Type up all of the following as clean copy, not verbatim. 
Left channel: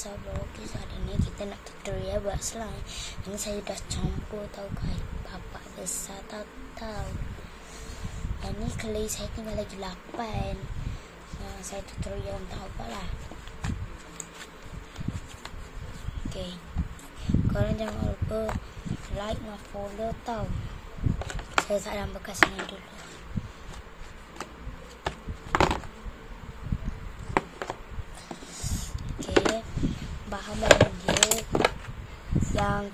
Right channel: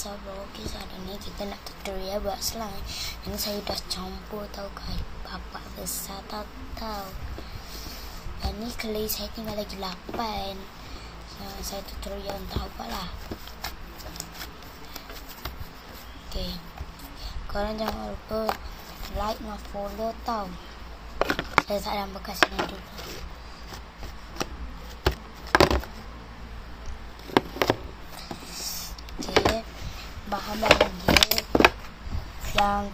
So bro, hari ni kita nak tutorial buat slime. Ini saya dah campur tau guys, bapak besar tahu. Dan ni clay saya tinggal lagi 8. Saya tutorial untuk buat lah. Okay, korang jangan lupa like dan follow tau. Saya tak ada bekas ni dulu. Bahan-bahan dia yang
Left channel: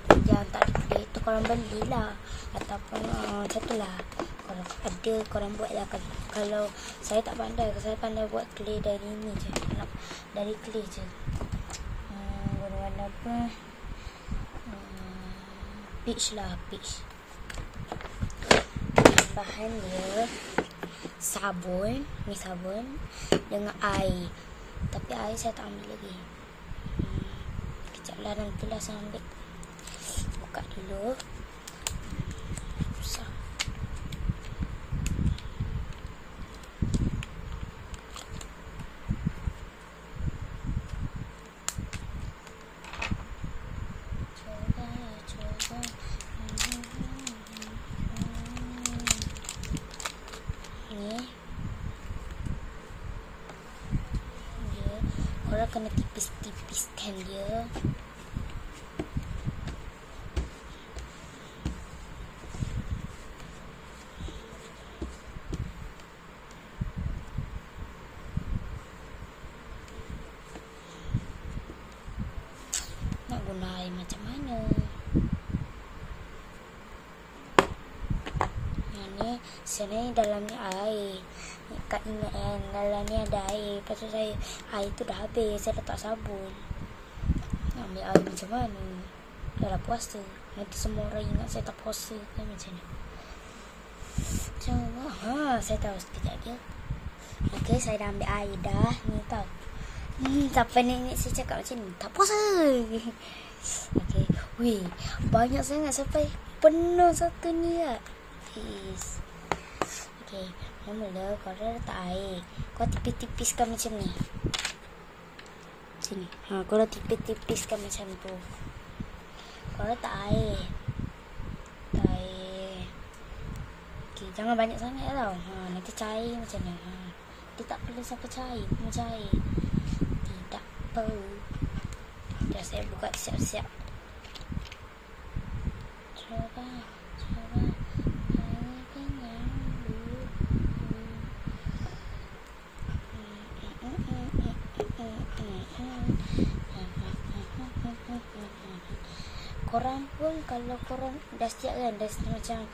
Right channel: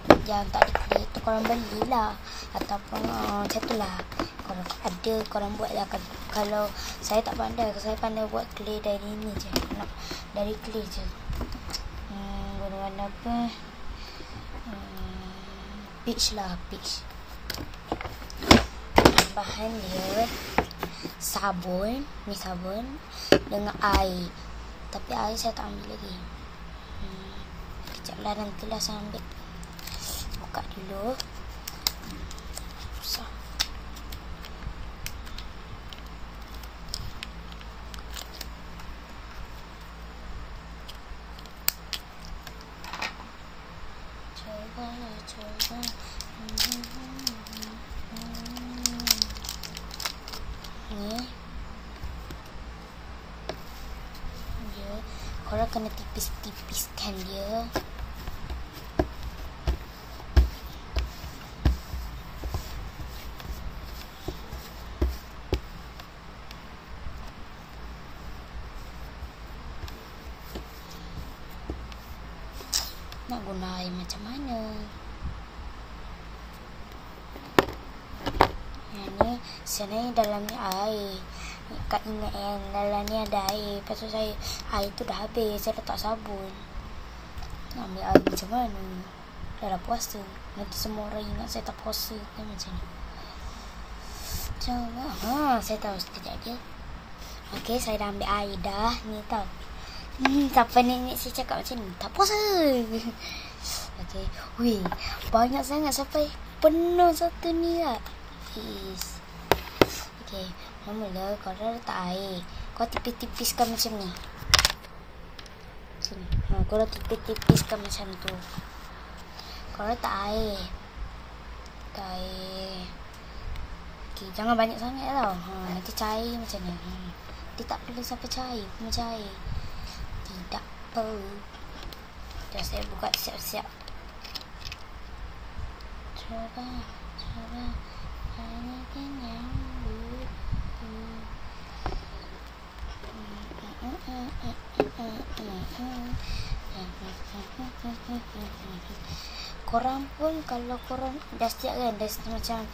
tak ada tu korang belilah, ataupun macam tu lah. Kalau ada korang buat lah. Kalau saya tak pandai, saya pandai buat clay dari ni je, dari clay je. Warna apa, peach lah, peach. Bahan dia sabun, ni sabun dengan air. Tapi air saya tak ambil lagi. Sekejap lah, nantilah saya ambil. Buka dulu. Susah. Coba. Ni. Dia. Korang kena tipis-tipiskan dia. Nak guna air macam mana? Yang ni sebenarnya dalam ni air. Kat ingat yang dalam ni ada air. Lepas tu air tu dah habis. Saya letak sabun. Nak ambil air macam mana? Dah lah puasa. Nanti semua orang ingat saya tak puasa kan, macam ni. Coba. Saya tahu sekejap je. Okay, saya dah ambil air dah. Ni tau. Siapa nenek saya cakap macam ni? Tak puasa. Okay. Wih, banyak sangat sampai penuh satu ni lah. Yes. Okay. Mula korang letak air. Kau tipis-tipiskan macam ni. Sini. Korang tipis-tipiskan macam tu. Korang letak air. Letak air. Okay, jangan banyak sangat tau. Nanti cair macam ni. Dia tak perlu sampai cair. Macam air. Tidak perlu. Dah saya buka siap-siap. Coba. Ini kenyang. Korang pun kalau korang dah siap kan, dah macam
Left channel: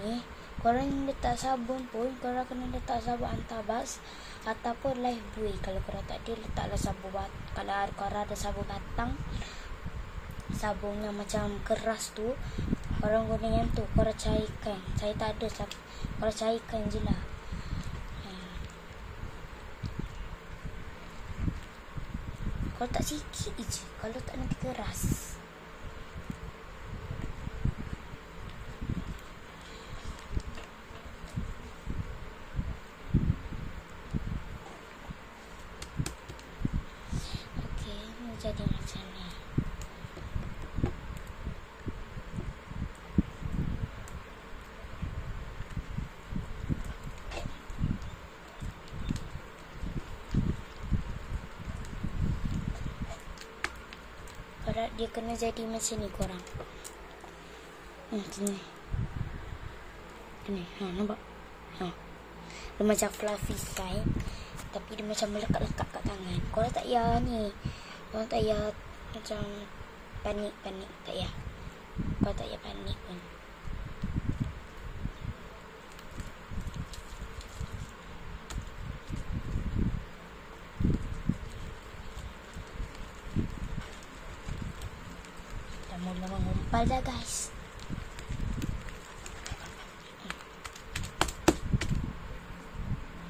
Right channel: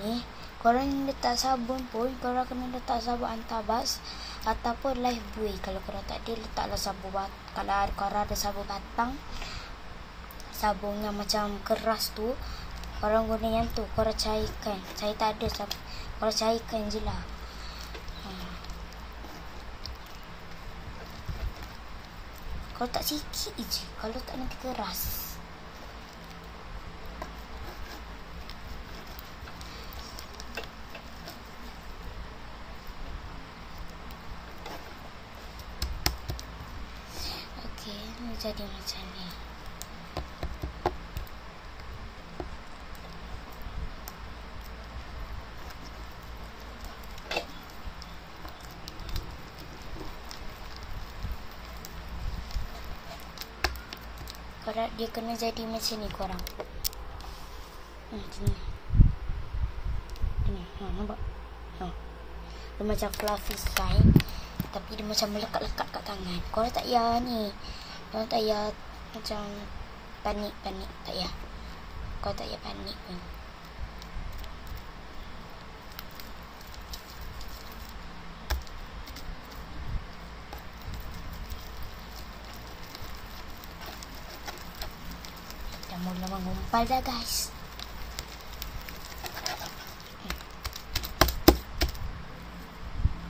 ni, korang letak sabun pun, korang kena letak sabun antabas ataupun Lifebuoy. Kalau korang tak ada, letaklah sabun kalau korang ada sabun batang, sabun yang macam keras tu, korang guna yang tu, korang cairkan. Saya tak ada sabun, korang cairkan je lah. Kalau tak sikit je, kalau tak nanti keras. Okey, ni jadi macam ni. Korang dia kena jadi macam ni korang. Macam ni. Ni, nampak? Dia macam fluffy slime, tapi dia macam melekat-lekat kat tangan. Korang tak payah ni. Korang tak payah macam panik. Tak payah. Korang tak payah panik pun. Mula mengumpal dah guys.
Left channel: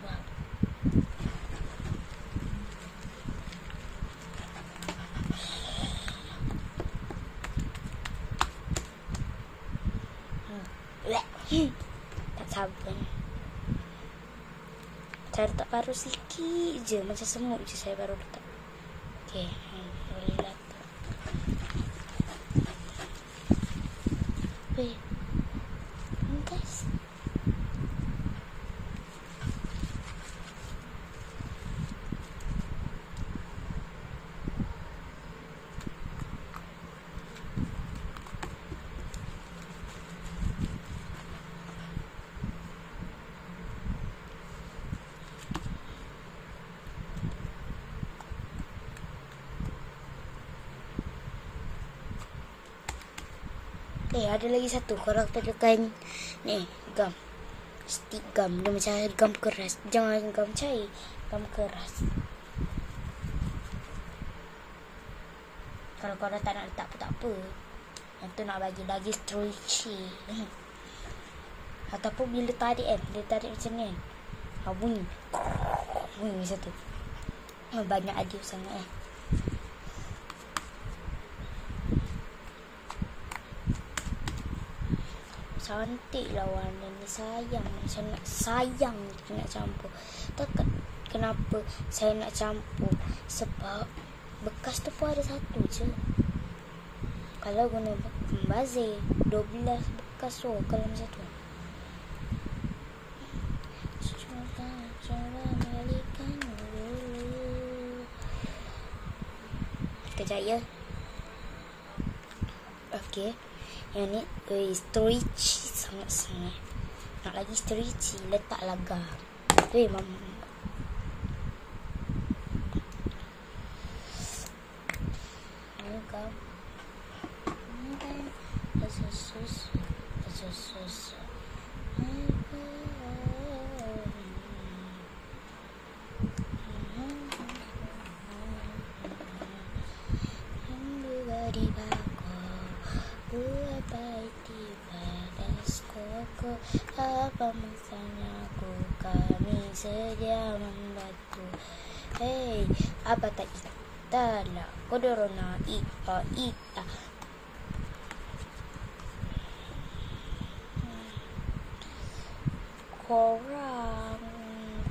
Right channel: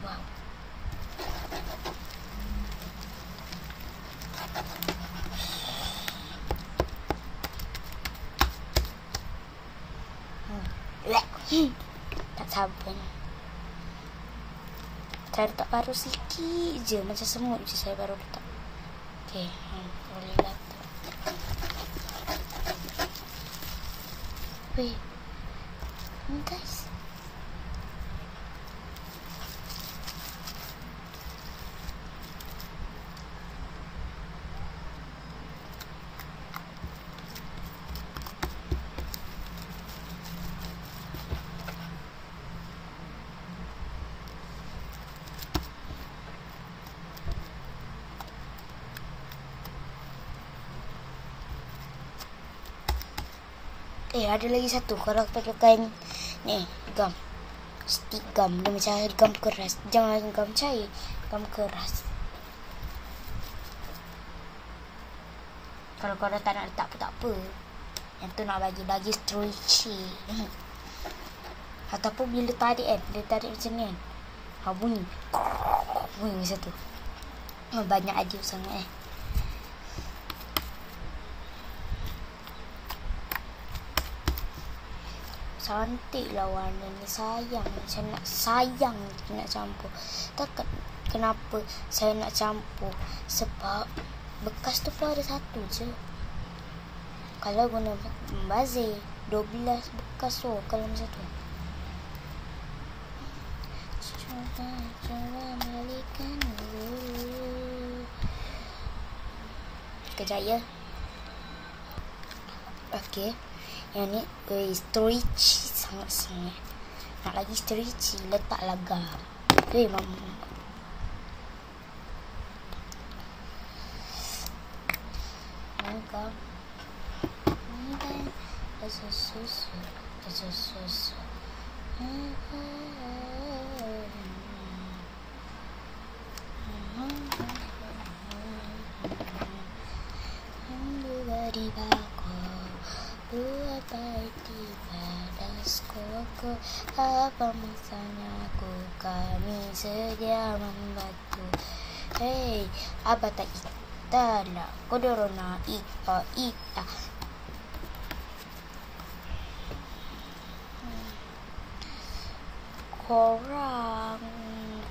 Wow. Tak sabar. Saya letak paruh sikit je, macam semut je saya baru letak. Okay, boleh lah tu. Weh, guys. Ada lagi satu. Kalau pakai ni gam, stick gam, dia macam gam keras. Jangan gam cair, gam keras. Kalau korang tak nak letak pun tak apa. Yang tu nak bagi lagi stretchy. Ataupun bila tarik kan, dia tarik macam ni kan, bunyi macam tu. Banyak adil sangat Cantik lah warna ni. Sayang, saya nak campur. Tak kenapa saya nak campur, sebab bekas tu pun ada satu je. Kalau guna bazir 12 bekas tu. Kalau macam tu, cuba balikan dulu. Kejap ya. Okey, yang ni stretchy sangat-sangat. Nak lagi stretchy, letaklah gam. Mama. Gam. Apa masanya kami sedia membantu. Hei, apa tak kita lah kodorona ita.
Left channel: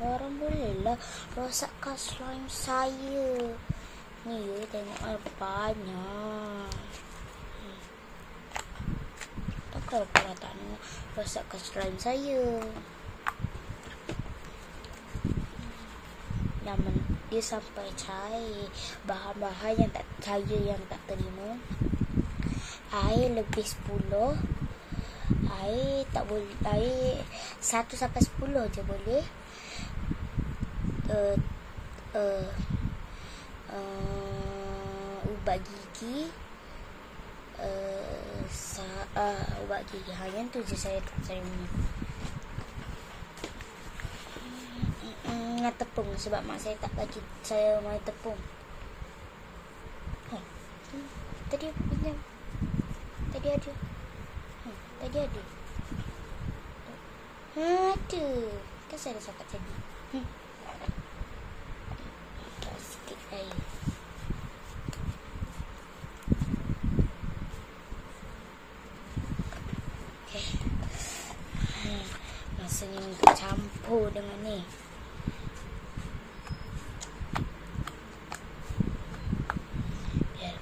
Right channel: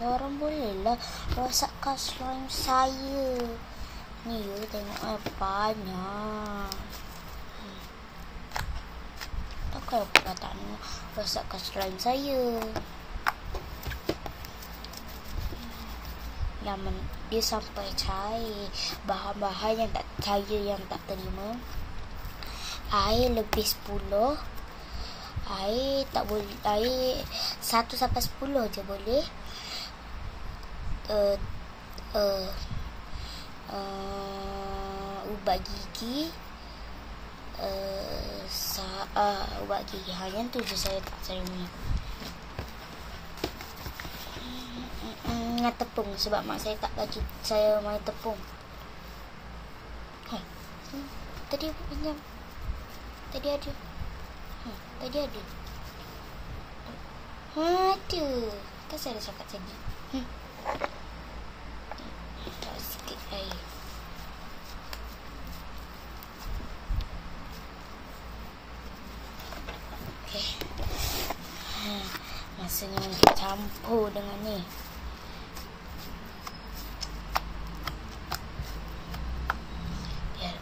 Korang bolehlah rosakkan slime saya ni. You tengok banyak. Takkan korang tak nak rosakkan slime saya. Dia sampai cair. Bahan-bahan yang tak saya yang tak terima. Air lebih 10. Air tak boleh. Air 1 sampai 10 je boleh. Ubat gigi. Ubat gigi. Yang tu je saya tak terima. Dengan tepung, sebab mak saya tak bagi saya main tepung. Tadi aku pinjam. Tadi ada. Ada. Kan saya dah cakap tadi. Tak sikit air. Okay. Masanya untuk campur dengan ni.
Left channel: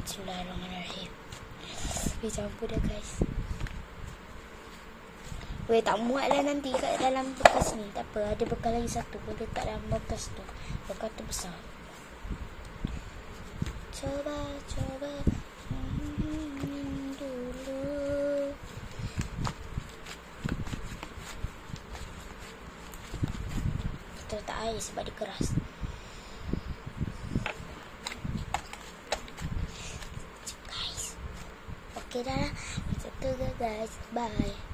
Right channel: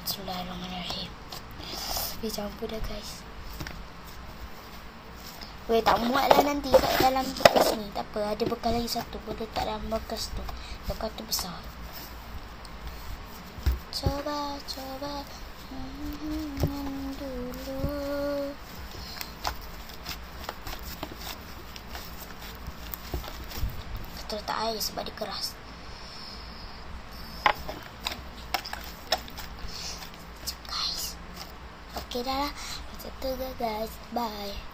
Bismillahirrahmanirrahim. Campur dah guys. Tak muat lah nanti kat dalam bekas ni. Tak apa, ada bekas lagi satu. Boleh letak dalam bekas tu. Bekas tu besar. Coba dulu. Kita letak air sebab dia keras. Guys. Okay dah lah. Itu guys. Bye.